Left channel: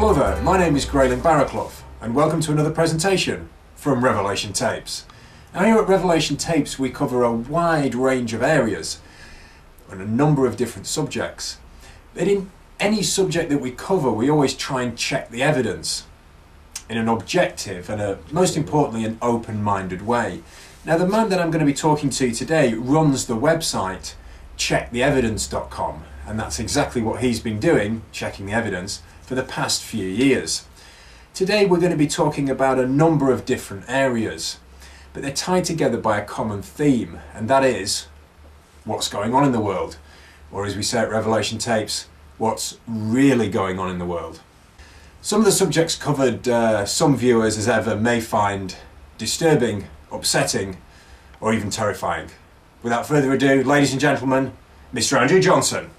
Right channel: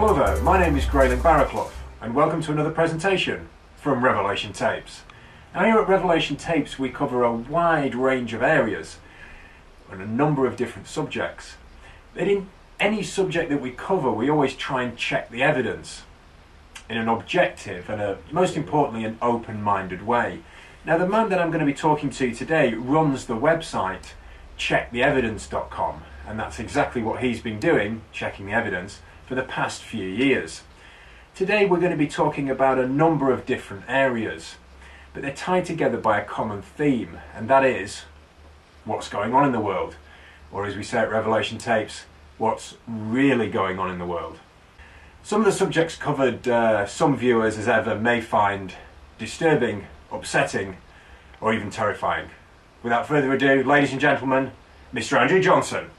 Hello there, my name is Grayling Barraclough and welcome to another presentation from Revelation Tapes. Now here at Revelation Tapes we cover a wide range of areas and a number of different subjects. But in any subject that we cover we always try and check the evidence in an objective and most importantly an open-minded way. Now the man that I'm going to be talking to today runs the website checktheevidence.com, and that's exactly what he's been doing, checking the evidence, for the past few years. Today we're going to be talking about a number of different areas, but they're tied together by a common theme, and that is what's going on in the world, or as we say at Revelation Tapes, what's really going on in the world. Some of the subjects covered some viewers as ever may find disturbing, upsetting, or even terrifying. Without further ado, ladies and gentlemen, Mr. Andrew Johnson.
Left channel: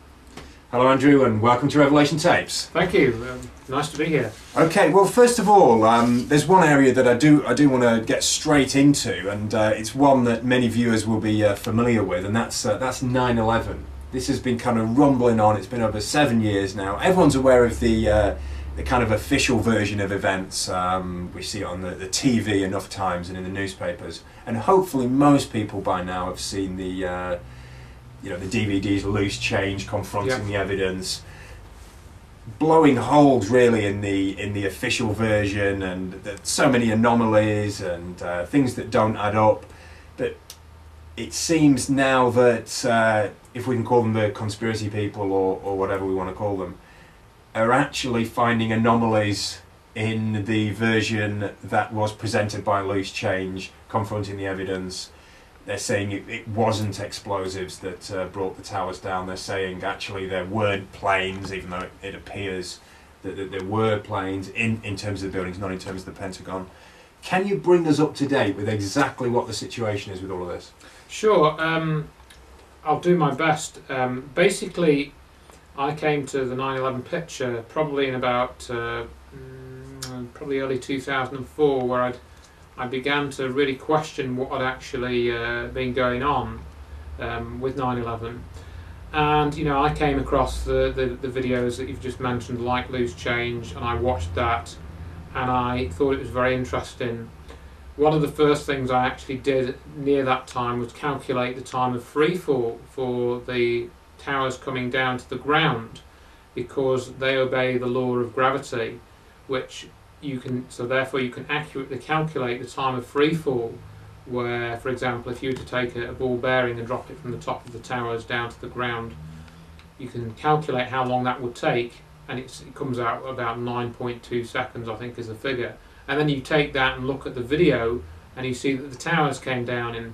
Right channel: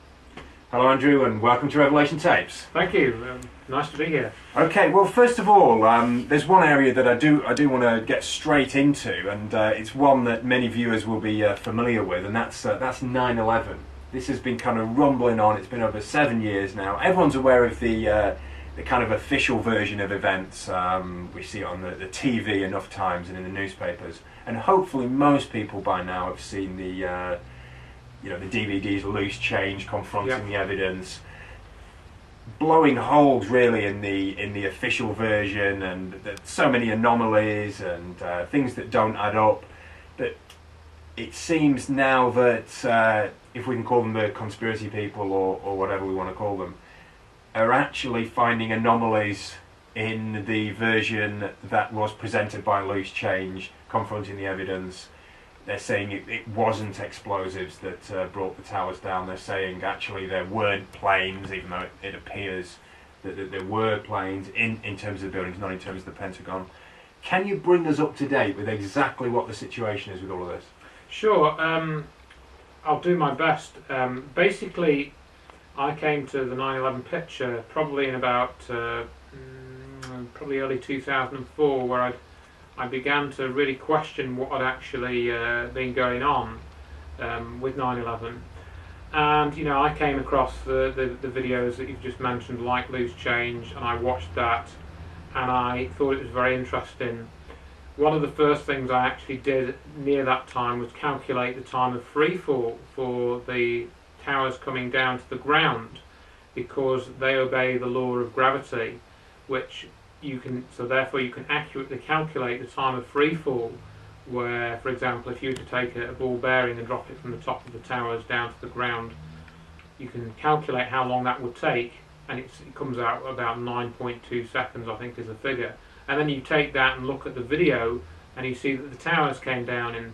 Hello Andrew and welcome to Revelation Tapes. Thank you, nice to be here. Okay, well first of all, there's one area that I do want to get straight into, and it's one that many viewers will be familiar with, and that's 9/11. This has been kind of rumbling on, it's been over 7 years now. Everyone's aware of the kind of official version of events. We see it on the TV enough times and in the newspapers, and hopefully most people by now have seen the the DVDs Loose Change, Confronting the Evidence, blowing holes really in the official version, and so many anomalies and things that don't add up. But it seems now that if we can call them the conspiracy people or whatever we want to call them, are actually finding anomalies in the version that was presented by Loose Change, Confronting the Evidence. They're saying it wasn't explosives that brought the towers down. They're saying actually there weren't planes, even though it appears that there were planes in terms of the buildings, not in terms of the Pentagon. Can you bring us up to date with exactly what the situation is with all of this? Sure, I'll do my best. Basically, I came to the 9/11 picture probably in about probably early 2004, where I began to really question what had actually been going on with 9/11. And I came across the videos that you've just mentioned, like Loose Change, and I watched that and I thought it was very interesting. One of the first things I actually did near that time was calculate the time of free fall for the towers coming down to the ground, because they obey the law of gravity, which therefore you can accurately calculate the time of free fall, where, for example, if you were to take a ball bearing and drop it from the top of the towers down to the ground, you can calculate how long that would take, and it comes out about 9.2 seconds, I think, is the figure. And then you take that and look at the video, and you see that the towers came down in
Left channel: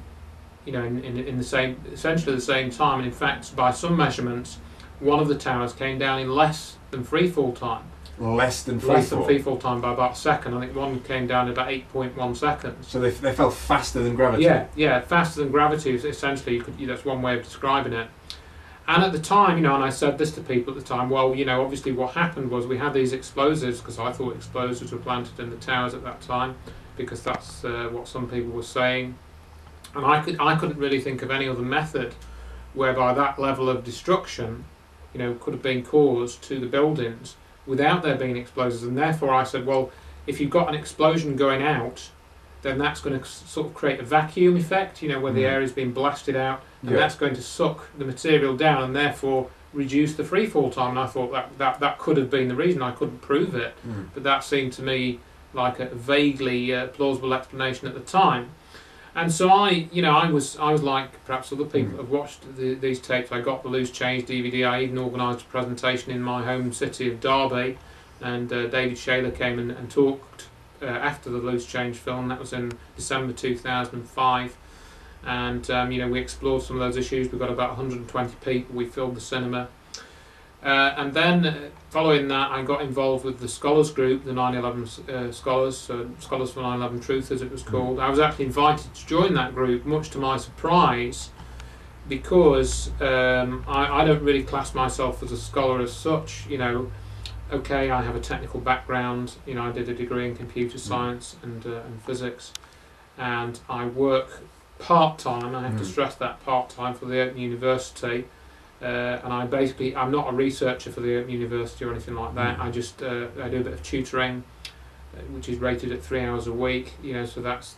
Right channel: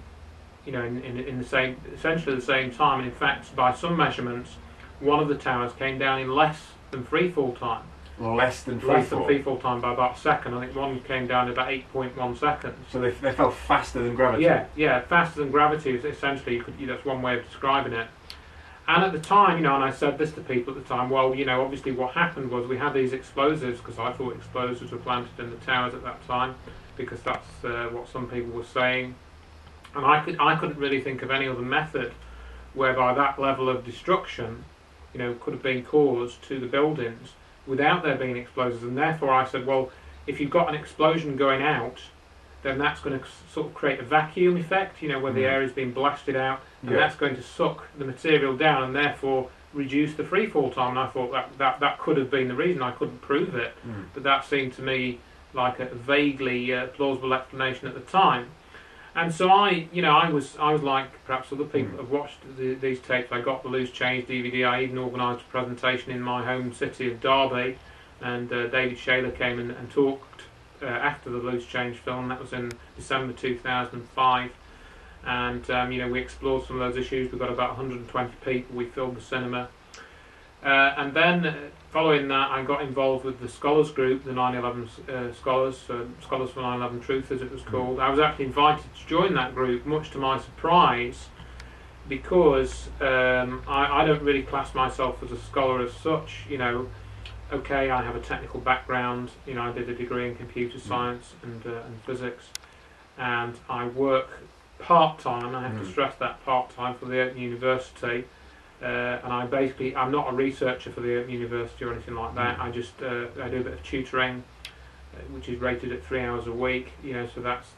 essentially the same time, and in fact, by some measurements, one of the towers came down in less than free fall time. Less than free fall time by about a second. I think one came down in about 8.1 seconds. So they fell faster than gravity? Yeah, faster than gravity is essentially, that's one way of describing it. And at the time, and I said this to people at the time, well, obviously what happened was we had these explosives, because I thought explosives were planted in the towers at that time, because that's what some people were saying. And I couldn't really think of any other method whereby that level of destruction, could have been caused to the buildings without there being explosives. And therefore I said, well, if you've got an explosion going out, then that's going to sort of create a vacuum effect, where the air is being blasted out, and that's going to suck the material down and therefore reduce the free fall time. And I thought that could have been the reason. I couldn't prove it, but that seemed to me like a vaguely plausible explanation at the time. And so I was like perhaps other people have watched these tapes. I got the Loose Change DVD. I even organised a presentation in my home city of Derby, and David Shaler came and talked after the Loose Change film. That was in December 2005, and we explored some of those issues. We got about 120 people. We filled the cinema. And then following that, I got involved with the scholars group, the 9/11 scholars, Scholars for 9/11 Truth as it was called. I was actually invited to join that group, much to my surprise, because I don't really class myself as a scholar as such. Okay, I have a technical background. I did a degree in computer science and physics, and I work part-time. I have to stress that part-time for the Open University. and I'm not a researcher for the university or anything like that. I just I do a bit of tutoring, which is rated at 3 hours a week. So that's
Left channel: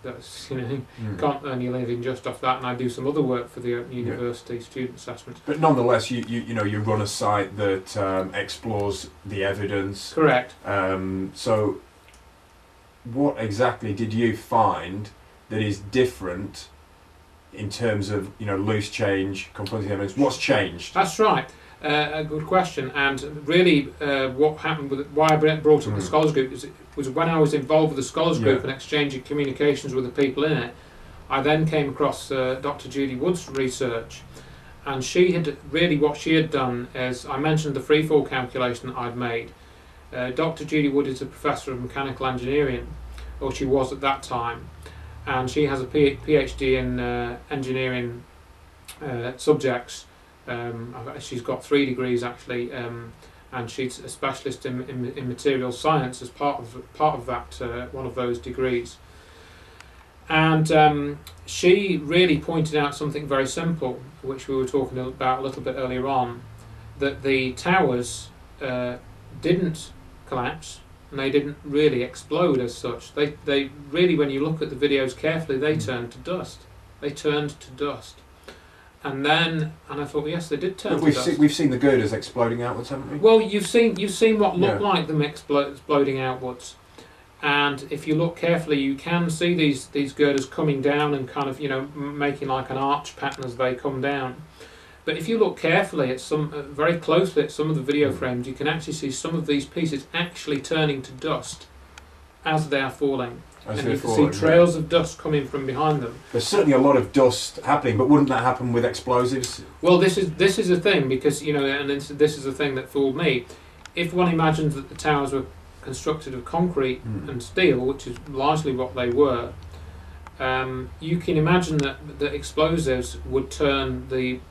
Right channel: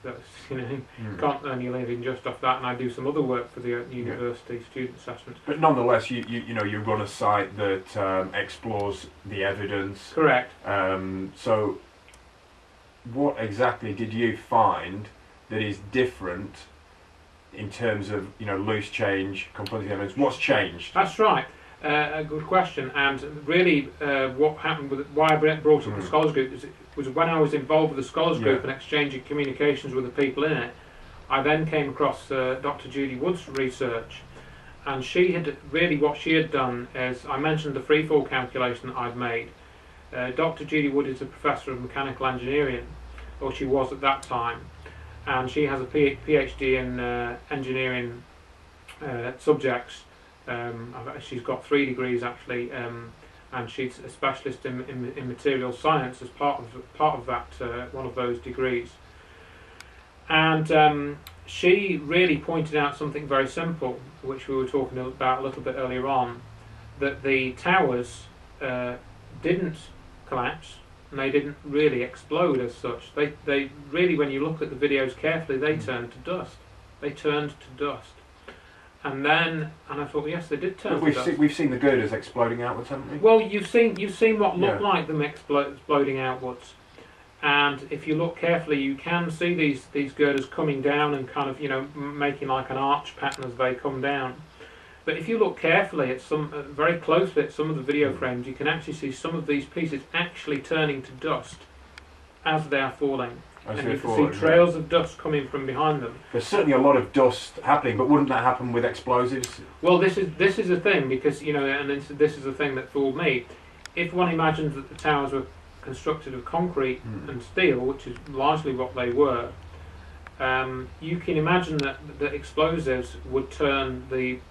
can't earn your living just off that. And I do some other work for the university, student assessments. But nonetheless, you run a site that explores the evidence. Correct. So, what exactly did you find that is different in terms of loose change, confronting evidence? What's changed? That's right. A good question. And really, what happened why I brought up the Scholars Group was when I was involved with the Scholars Group and exchanging communications with the people in it. I then came across Dr. Judy Wood's research, and what she had done is, I mentioned the freefall calculation that I'd made. Dr. Judy Wood is a professor of mechanical engineering, or she was at that time, and she has a PhD in engineering subjects. She's got 3 degrees actually, and she's a specialist in materials science as part of that one of those degrees. And she really pointed out something very simple, which we were talking about a little bit earlier on, that the towers didn't collapse and they didn't really explode as such. They really, when you look at the videos carefully, they turned to dust. They turned to dust. And I thought, well, yes, they did turn to dust. We've seen the girders exploding outwards, haven't we? Well, you've seen what looked like them exploding outwards. And if you look carefully, you can see these girders coming down and kind of, making like an arch pattern as they come down. But if you look carefully at very closely at some of the video frames, you can actually see some of these pieces actually turning to dust as they are falling. And you can see trails of dust coming from behind them. There's certainly a lot of dust happening, but wouldn't that happen with explosives? Well, this is the thing, because and this is the thing that fooled me. If one imagines that the towers were constructed of concrete and steel, which is largely what they were, you can imagine that the explosives would turn the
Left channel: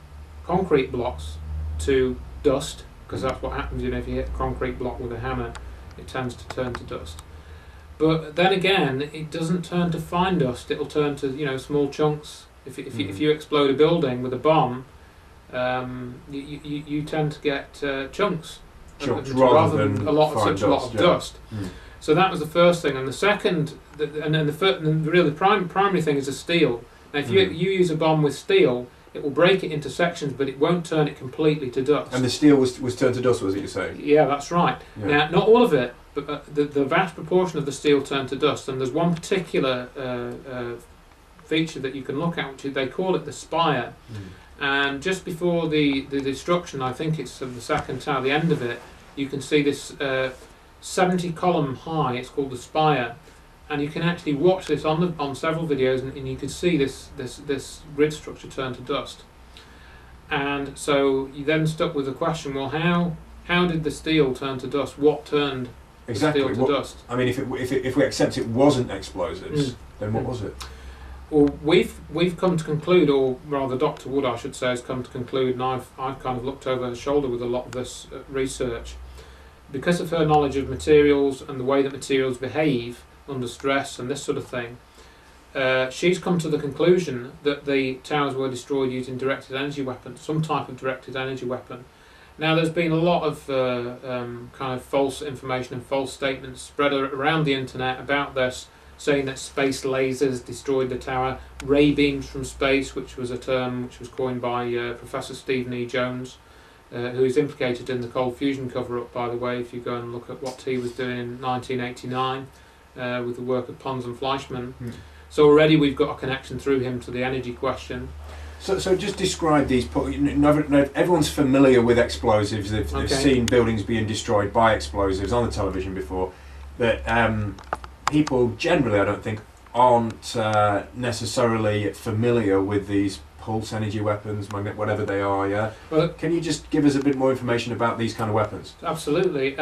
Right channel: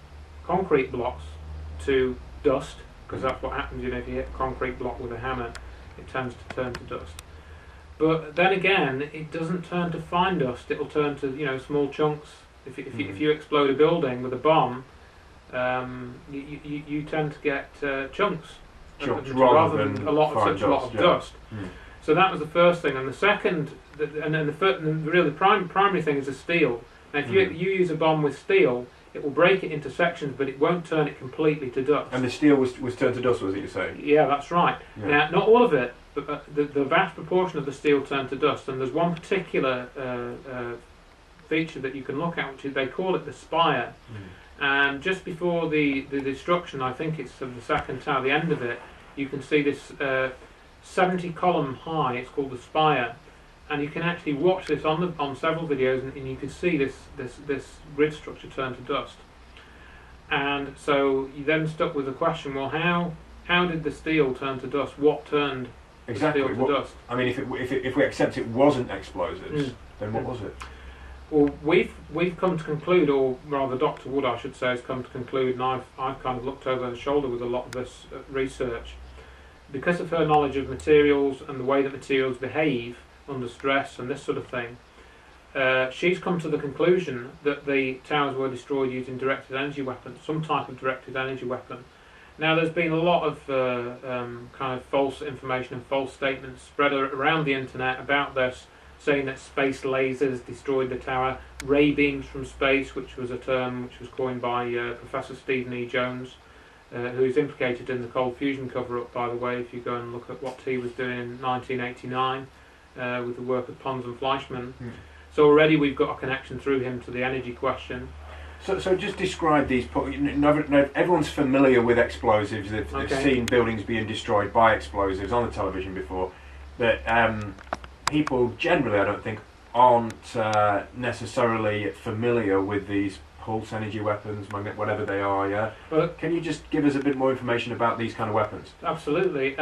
concrete blocks to dust, because that's what happens. If you hit a concrete block with a hammer, it tends to turn to dust. But then again, it doesn't turn to fine dust. It'll turn to small chunks. If you explode a building with a bomb, you tend to get chunks rather than a lot of dust. So that was the first thing, and the second, the primary thing is the steel. Now, if you use a bomb with steel, it will break it into sections, but it won't turn it completely to dust. And the steel was turned to dust, was it, you're saying? Yeah, that's right. Yeah. Now, not all of it, but the vast proportion of the steel turned to dust. And there's one particular feature that you can look at, which they call it the spire. And just before the destruction, I think it's of the second tower, the end of it, you can see this 70 column high, it's called the spire. And you can actually watch this on several videos, and you can see this grid structure turn to dust. And so you then stuck with the question: well, how did the steel turn to dust? What turned the steel to dust? I mean, if we accept it wasn't explosives, then what was it? Well, we've come to conclude, or rather, Dr. Wood, I should say, has come to conclude, and I've kind of looked over her shoulder with a lot of this research, because of her knowledge of materials and the way that materials behave under stress and this sort of thing. She's come to the conclusion that the towers were destroyed using directed energy weapons, some type of directed energy weapon. Now, there's been a lot of kind of false information and false statements spread around the internet about this, saying that space lasers destroyed the tower, ray beams from space, which was a term which was coined by Professor Stephen E. Jones, who is implicated in the cold fusion cover-up, by the way, if you go and look at what he was doing in 1989 with the work of Pons and Fleischmann. So already we've got a connection through him to the energy question. So just describe these. Everyone's familiar with explosives. They've seen buildings being destroyed by explosives on the television before, but people generally, I don't think, aren't necessarily familiar with these pulse energy weapons, whatever they are. Yeah. Well, can you just give us a bit more information about these kind of weapons? Absolutely.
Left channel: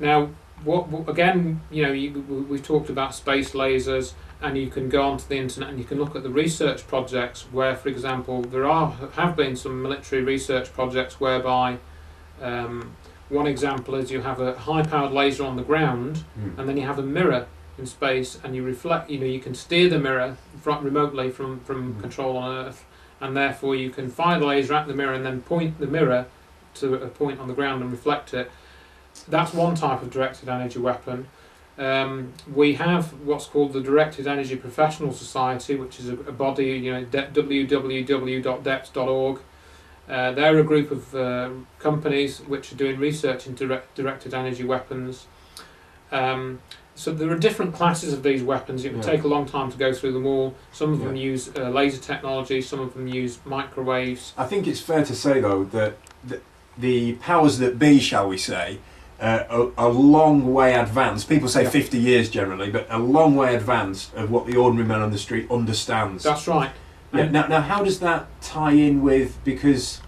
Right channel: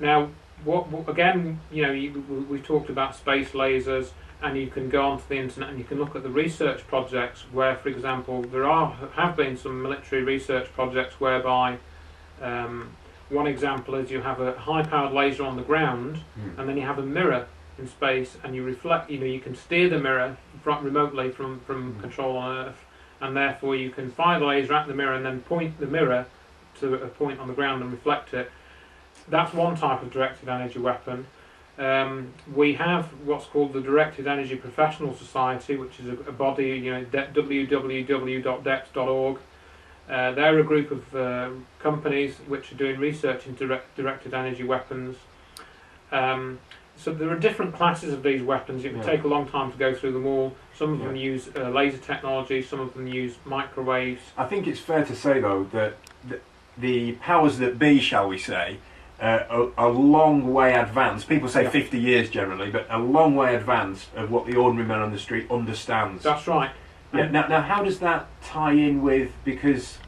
Now, what again? We've talked about space lasers. And you can go onto the internet and you can look at the research projects where, for example, there have been some military research projects whereby one example is you have a high-powered laser on the ground and then you have a mirror in space and you reflect. You can steer the mirror remotely from control on Earth, and therefore you can fire the laser at the mirror and then point the mirror to a point on the ground and reflect it. That's one type of directed energy weapon. We have what's called the Directed Energy Professional Society, which is a body, www.deps.org. They're a group of companies which are doing research into directed energy weapons. So there are different classes of these weapons. It would take a long time to go through them all. Some of them use laser technology, some of them use microwaves. I think it's fair to say, though, that the powers that be, shall we say, are a long way advanced. People say 50 years generally, but a long way advanced of what the ordinary man on the street understands. That's right. Yeah. Now, how does that tie in with, because,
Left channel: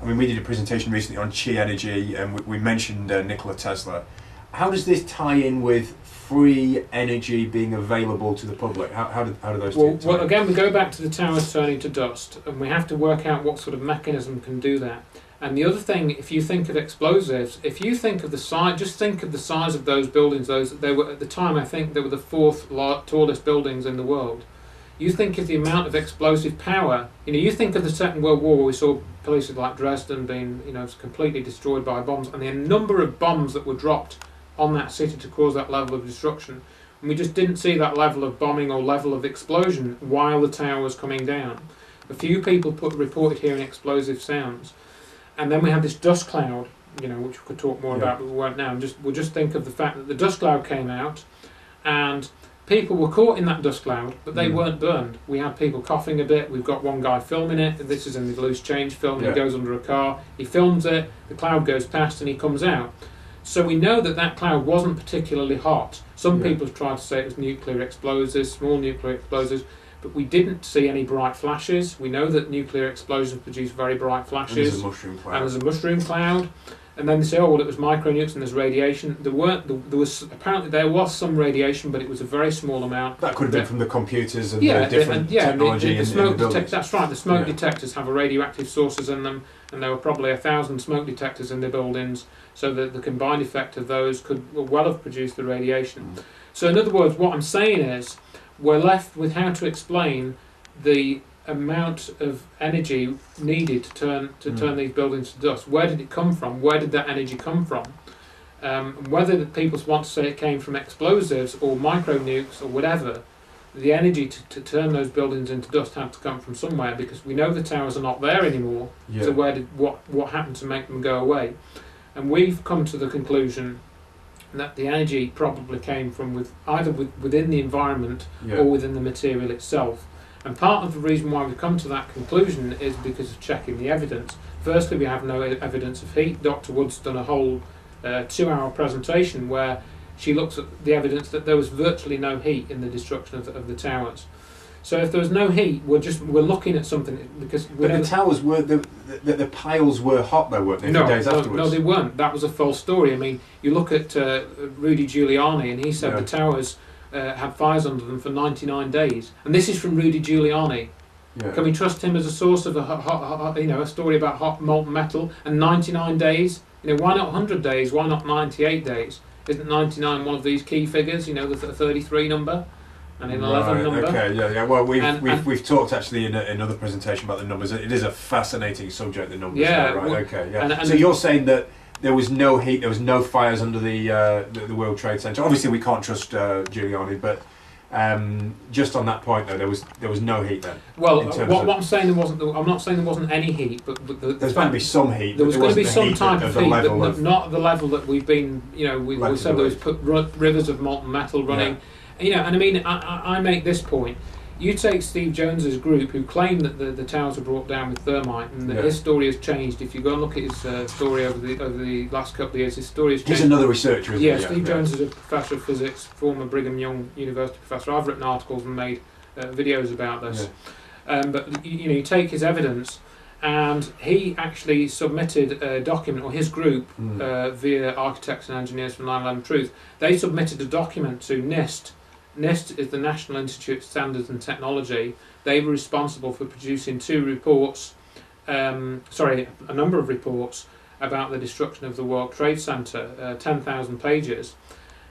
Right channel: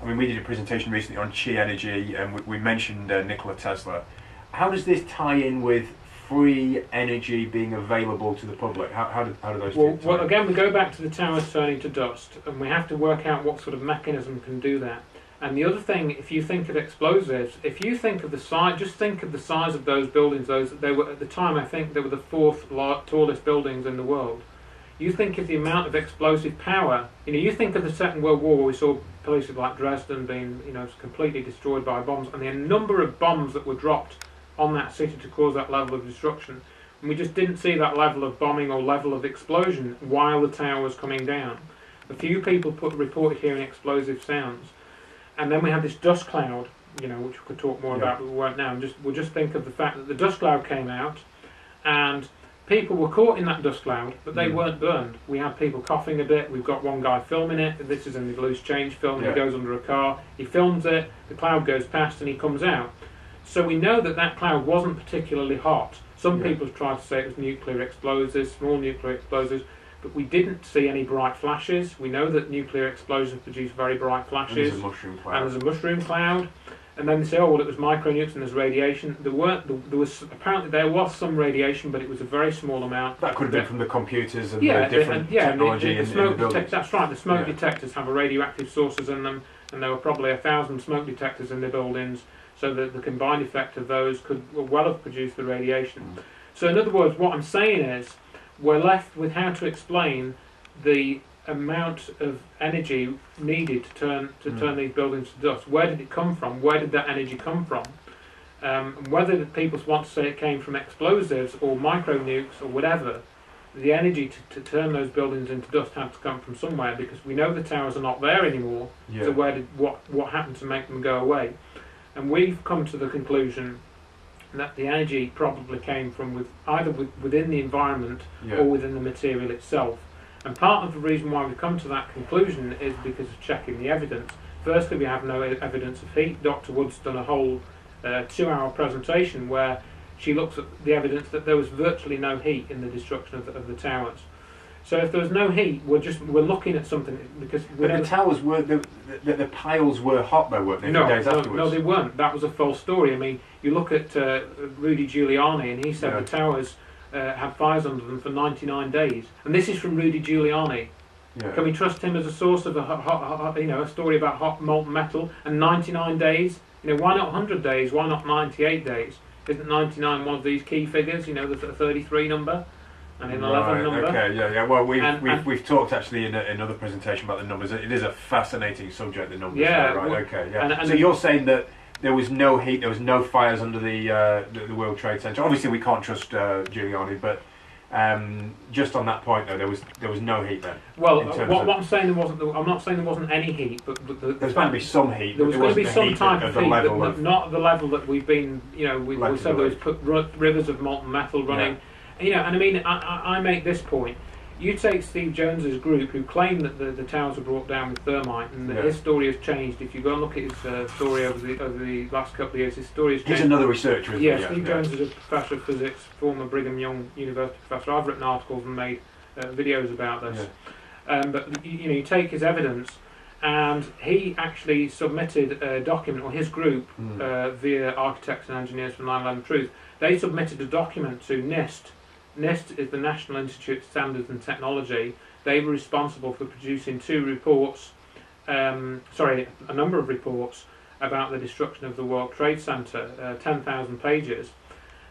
I mean, we did a presentation recently on chi energy, and we mentioned Nikola Tesla. How does this tie in with free energy being available to the public? How do those two tie in? Well, again, we go back to the towers turning to dust, and we have to work out what sort of mechanism can do that. And the other thing, if you think of explosives, if you think of the size, just think of the size of those buildings. They were at the time, I think, they were the fourth tallest buildings in the world. You think of the amount of explosive power. You think of the Second World War, where we saw places like Dresden being, completely destroyed by bombs, and the number of bombs that were dropped on that city to cause that level of destruction. And we just didn't see that level of bombing or level of explosion while the tower was coming down. A few people reported hearing explosive sounds. And then we had this dust cloud, which we could talk more about, but we won't now. We'll just think of the fact that the dust cloud came out, and people were caught in that dust cloud, but they weren't burned. We had people coughing a bit. We've got one guy filming it. This is in the Loose Change film. He goes under a car. He films it. The cloud goes past, and he comes out. So we know that cloud wasn't particularly hot. Some people have tried to say it was nuclear explosives, small nuclear explosives, but we didn't see any bright flashes. We know that nuclear explosions produce very bright flashes. And there's a mushroom cloud. And there's a mushroom cloud. And then they say, it was micronukes and there's radiation. There was some radiation, but it was a very small amount. That could have been from the computers and the different technology in the buildings. That's right. The smoke detectors have radioactive sources in them, and there were probably 1,000 smoke detectors in the buildings, so that the combined effect of those could well have produced the radiation. So in other words, what I'm saying is, we're left with how to explain the amount of energy needed to turn these buildings to dust. Where did it come from? Where did that energy come from? Whether people want to say it came from explosives or micronukes or whatever, the energy to turn those buildings into dust had to come from somewhere, because we know the towers are not there anymore. So what happened to make them go away? And we've come to the conclusion that the energy probably came from either within the environment or within the material itself. And part of the reason why we've come to that conclusion is because of checking the evidence. Firstly, we have no evidence of heat. Dr. Wood's done a whole 2-hour presentation where she looks at the evidence that there was virtually no heat in the destruction of the towers. So if there was no heat, we're looking at something, because the towers were the piles were hot though, weren't they? Days afterwards. No, they weren't. That was a false story. I mean, you look at Rudy Giuliani, and he said the towers had fires under them for 99 days, and this is from Rudy Giuliani. Can we trust him as a source of a story about hot molten metal? And 99 days? Why not 100 days? Why not 98 days? Isn't 99 one of these key figures? The 33 number. And an 11 number. Okay, Well, we've talked actually in another presentation about the numbers. It is a fascinating subject, the numbers. So you're saying that there was no heat, there was no fires under the World Trade Center. Obviously, we can't trust Giuliani, but just on that point, though, there was no heat then. Well, what I'm saying I'm not saying there wasn't any heat, but there's going to be some heat. There was going to be some type of heat, but not the level that we've been. We said there was rivers of molten metal running. And I mean, I make this point. You take Steve Jones's group, who claim that the towers were brought down with thermite, and his story has changed. If you go and look at his story over the last couple of years, his story has changed. He's another researcher, isn't he? Steve Jones is a professor of physics, former Brigham Young University professor. I've written articles and made videos about this. But you take his evidence, and he actually submitted a document, or his group, via Architects and Engineers for 9/11 Truth. They submitted a document to NIST. NIST is the National Institute of Standards and Technology. They were responsible for producing a number of reports about the destruction of the World Trade Center, 10,000 pages.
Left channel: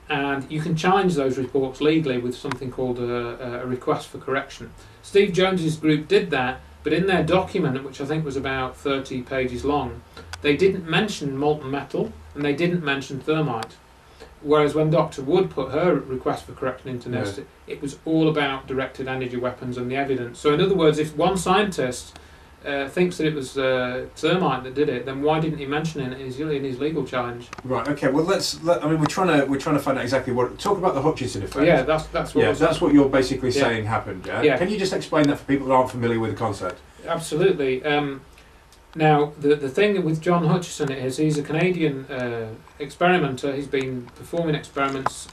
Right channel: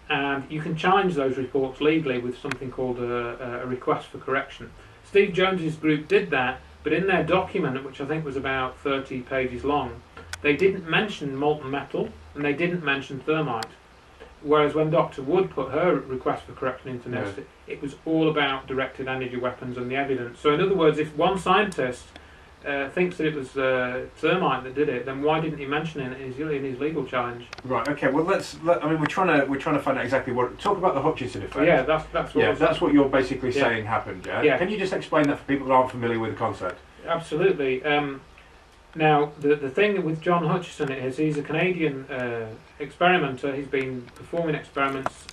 And you can challenge those reports legally with something called a request for correction. Steve Jones's group did that, But in their document, which I think was about 30 pages long, they didn't mention molten metal and they didn't mention thermite. Whereas when Dr. Wood put her request for correction into NIST, it was all about directed energy weapons and the evidence. So in other words, if one scientist thinks that it was thermite that did it, then why didn't he mention it in his legal challenge? Right. Okay. Well, I mean, we're trying to find out exactly what. Talk about the Hutchinson effect. Yeah, that's what. Yeah, that's what you're basically saying happened. Yeah? Yeah. Can you just explain that for people that aren't familiar with the concept? Absolutely. Now, the thing with John Hutchison is he's a Canadian experimenter. He's been performing experiments.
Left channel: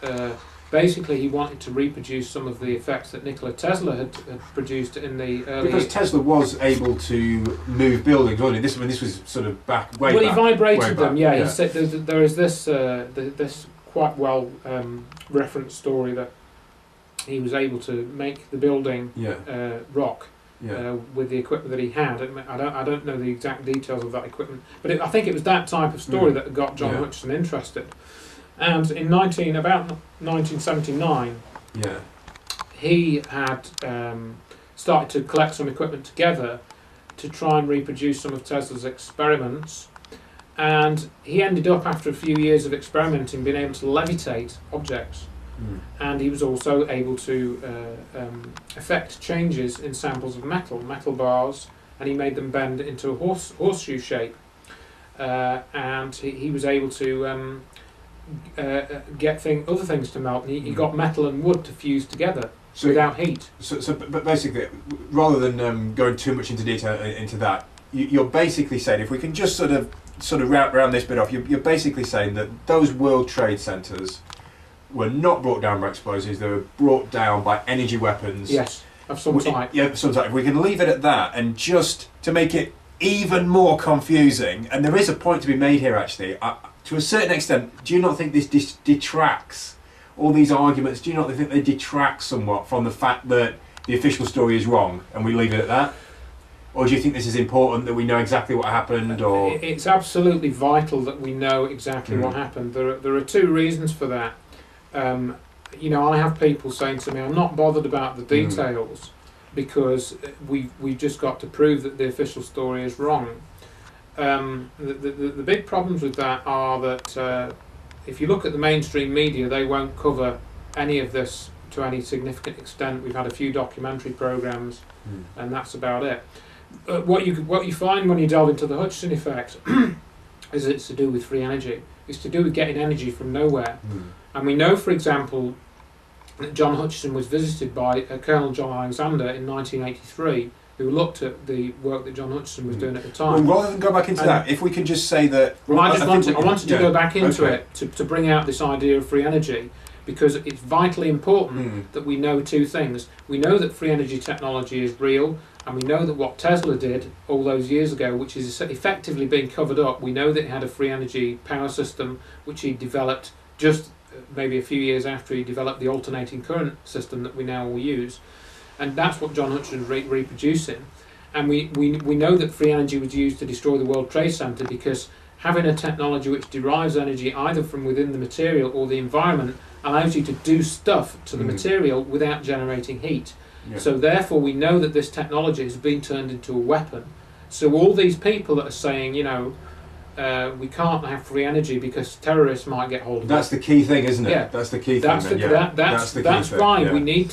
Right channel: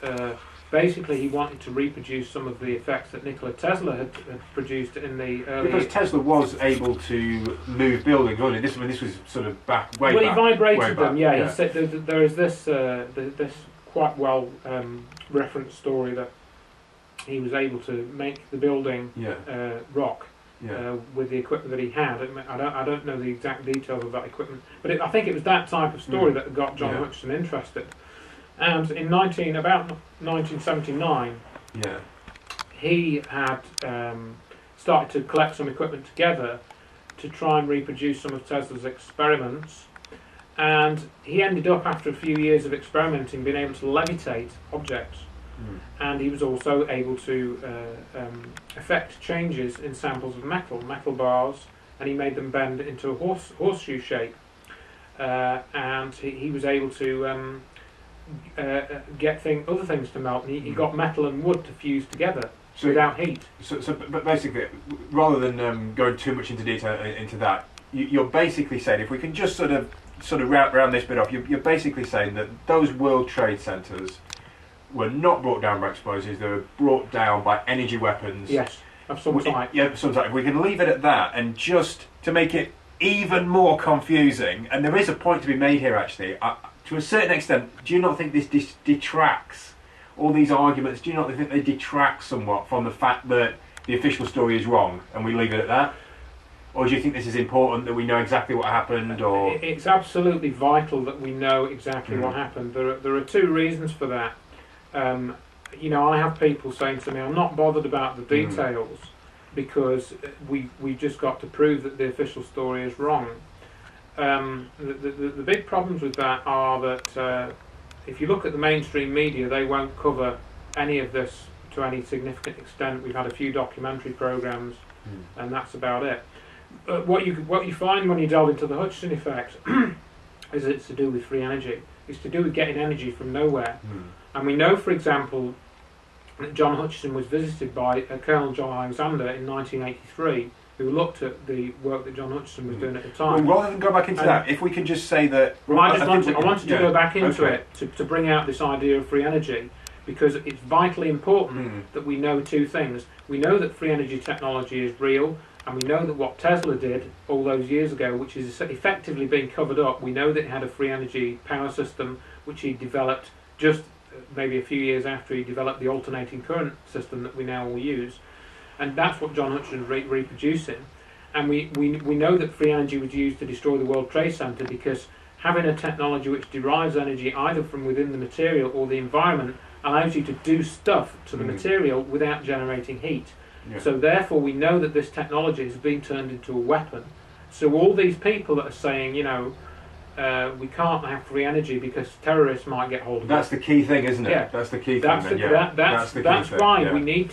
Basically, he wanted to reproduce some of the effects that Nikola Tesla had produced in the early... Because Tesla was able to move buildings, wasn't he? This was sort of way back. Well, he vibrated them, yeah. He said there is this this quite well referenced story that he was able to make the building rock. Yeah. With the equipment that he had. I don't know the exact details of that equipment, but I think it was that type of story that got John Hutchison interested. And in about 1979, he had started to collect some equipment together to try and reproduce some of Tesla's experiments. And he ended up, after a few years of experimenting, being able to levitate objects. And he was also able to effect changes in samples of metal bars, and he made them bend into a horseshoe shape. And he was able to get other things to melt, and he got metal and wood to fuse together without heat. But basically, rather than going too much into detail into that, you're basically saying, if we can just sort of round this bit off, you're basically saying that those World Trade Centers were not brought down by explosives, they were brought down by energy weapons. Yes, of some type. Yeah, of some type. If we can leave it at that, and just to make it even more confusing, and there is a point to be made here actually, to a certain extent, do you not think this detracts, all these arguments, do you not think they detract somewhat from the fact that the official story is wrong, and we leave it at that? Or do you think this is important, that we know exactly what happened? Or it's absolutely vital that we know exactly what happened. There are two reasons for that. I have people saying to me, I'm not bothered about the details because we've just got to prove that the official story is wrong. The big problems with that are that if you look at the mainstream media, they won't cover any of this to any significant extent. We've had a few documentary programs, and that's about it. What you find when you delve into the Hutchison effect is it's to do with free energy. It's to do with getting energy from nowhere. And we know, for example, that John Hutchison was visited by Colonel John Alexander in 1983, who looked at the work that John Hutchison was doing at the time. Well, rather than go back into that, if we can just say that... Well, I wanted to go back into it to bring out this idea of free energy, because it's vitally important that we know two things. We know that free energy technology is real, and we know that what Tesla did all those years ago, which is effectively being covered up, we know that he had a free energy power system which he developed just maybe a few years after he developed the alternating current system that we now all use. And that's what John Hutchison is reproducing. And we know that free energy was used to destroy the World Trade Center, because having a technology which derives energy either from within the material or the environment allows you to do stuff to the material without generating heat. Yeah. So therefore we know that this technology has been turned into a weapon. So all these people that are saying, we can't have free energy because terrorists might get hold of it. That's the key thing, isn't it? Yeah. That's the key thing. That's why we need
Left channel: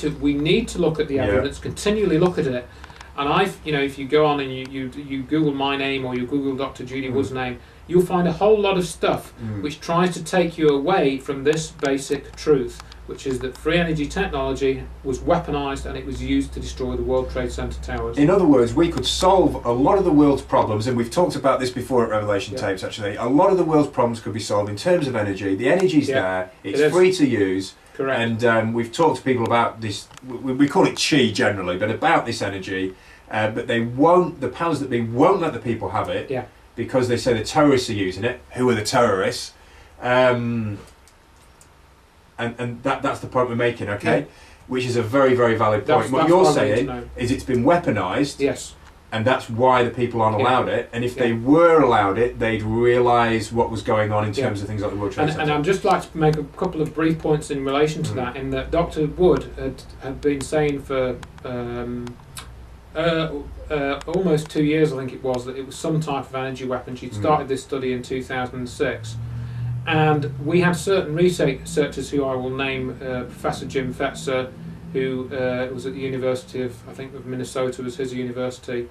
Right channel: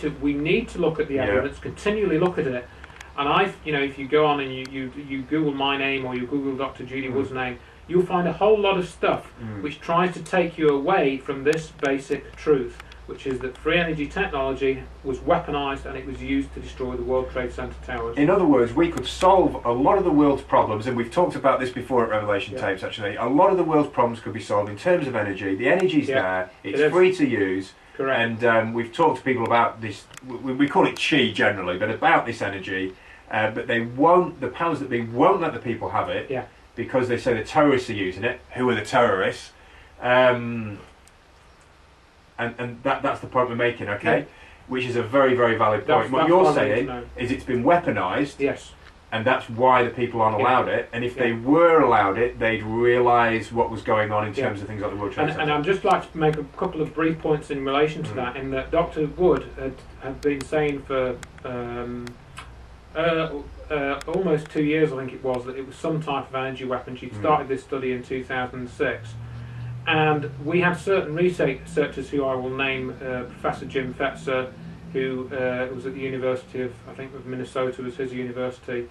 to look at the evidence, continually look at it. And if you go on and you Google my name or you Google Dr. Judy Wood's name, you'll find a whole lot of stuff which tries to take you away from this basic truth, which is that free energy technology was weaponized and it was used to destroy the World Trade Center towers. In other words, we could solve a lot of the world's problems, and we've talked about this before at Revelation Tapes actually. A lot of the world's problems could be solved in terms of energy. The energy's there, it's free to use. Correct. And we've talked to people about this, we call it chi generally, but about this energy, but the powers that be won't let the people have it. Yeah. Because they say the terrorists are using it. Who are the terrorists? And that's the point we're making, okay? Yeah. Which is a very, very valid point. What you're saying is it's been weaponised. Yes. And that's why the people aren't allowed it. And if they were allowed it, they'd realise what was going on in terms of things like the World Trade Center. And I'd just like to make a couple of brief points in relation to that, in that Dr. Wood had been saying for Almost 2 years, I think it was, that it was some type of energy weapon. She'd started this study in 2006. And we had certain researchers who I will name, Professor Jim Fetzer, who was at the University of, I think, of Minnesota was his university.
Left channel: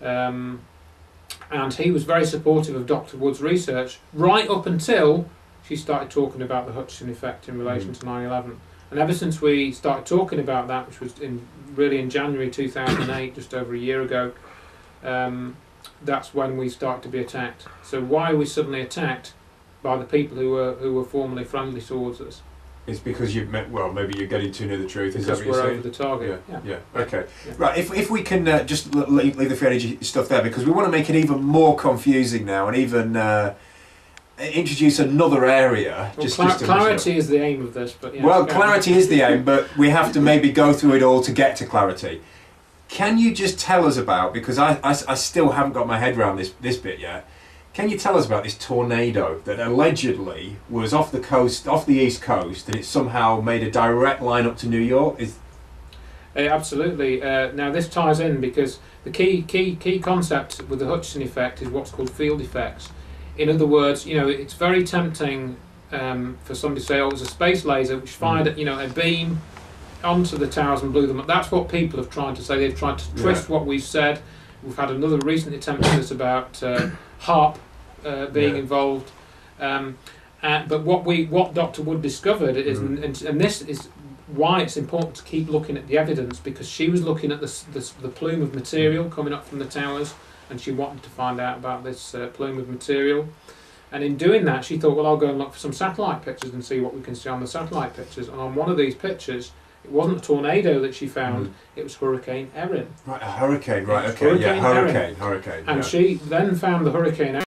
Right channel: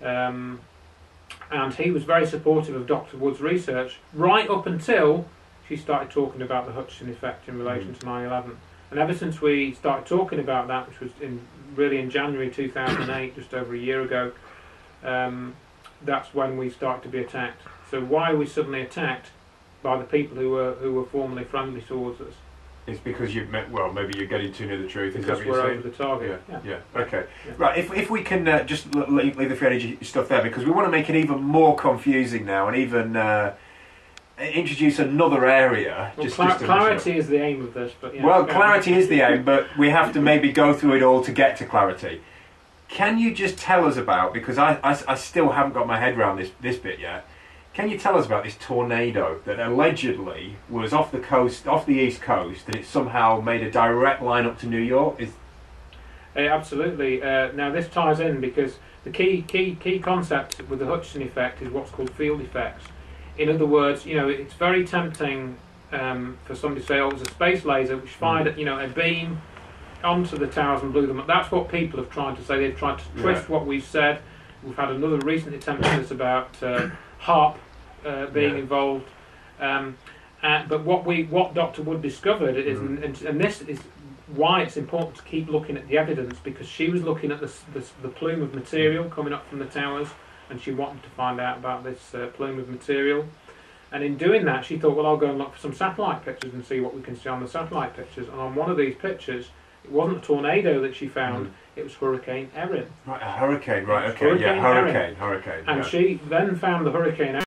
And he was very supportive of Dr. Wood's research, right up until she started talking about the Hutchinson effect in relation to 9/11. And ever since we started talking about that, which was really in January 2008, just over a year ago, that's when we started to be attacked. So why are we suddenly attacked by the people who were formerly friendly towards us? It's because you've met. Well, maybe you're getting too near the truth. Is that what you're we're saying? over the target. Yeah. Okay. Yeah. Right. If we can just leave the free energy stuff there, because we want to make it even more confusing now, and even introduce another area. Well, clarity is the aim of this, but yeah. Well, clarity is the aim, but we have to maybe go through it all to get to clarity. Can you just tell us about, because I still haven't got my head around this bit yet. Can you tell us about this tornado that allegedly was off the coast, off the east coast, and it somehow made a direct line up to New York? Absolutely. Now this ties in because the key concept with the Hutchinson effect is what's called field effects. In other words, it's very tempting for somebody to say, "Oh, it was a space laser which fired, a beam onto the towers and blew them up." That's what people have tried to say. They've tried to twist what we've said. We've had another recent attempt at this about HARP being involved. But what Dr. Wood discovered is, and this is why it's important to keep looking at the evidence, because she was looking at the plume of material coming up from the towers, and she wanted to find out about this plume of material. And in doing that, she thought, well, I'll go and look for some satellite pictures and see what we can see on the satellite pictures. And on one of these pictures, it wasn't a tornado that she found, it was Hurricane Erin. Right, a hurricane, right, okay, Hurricane. And she then found the Hurricane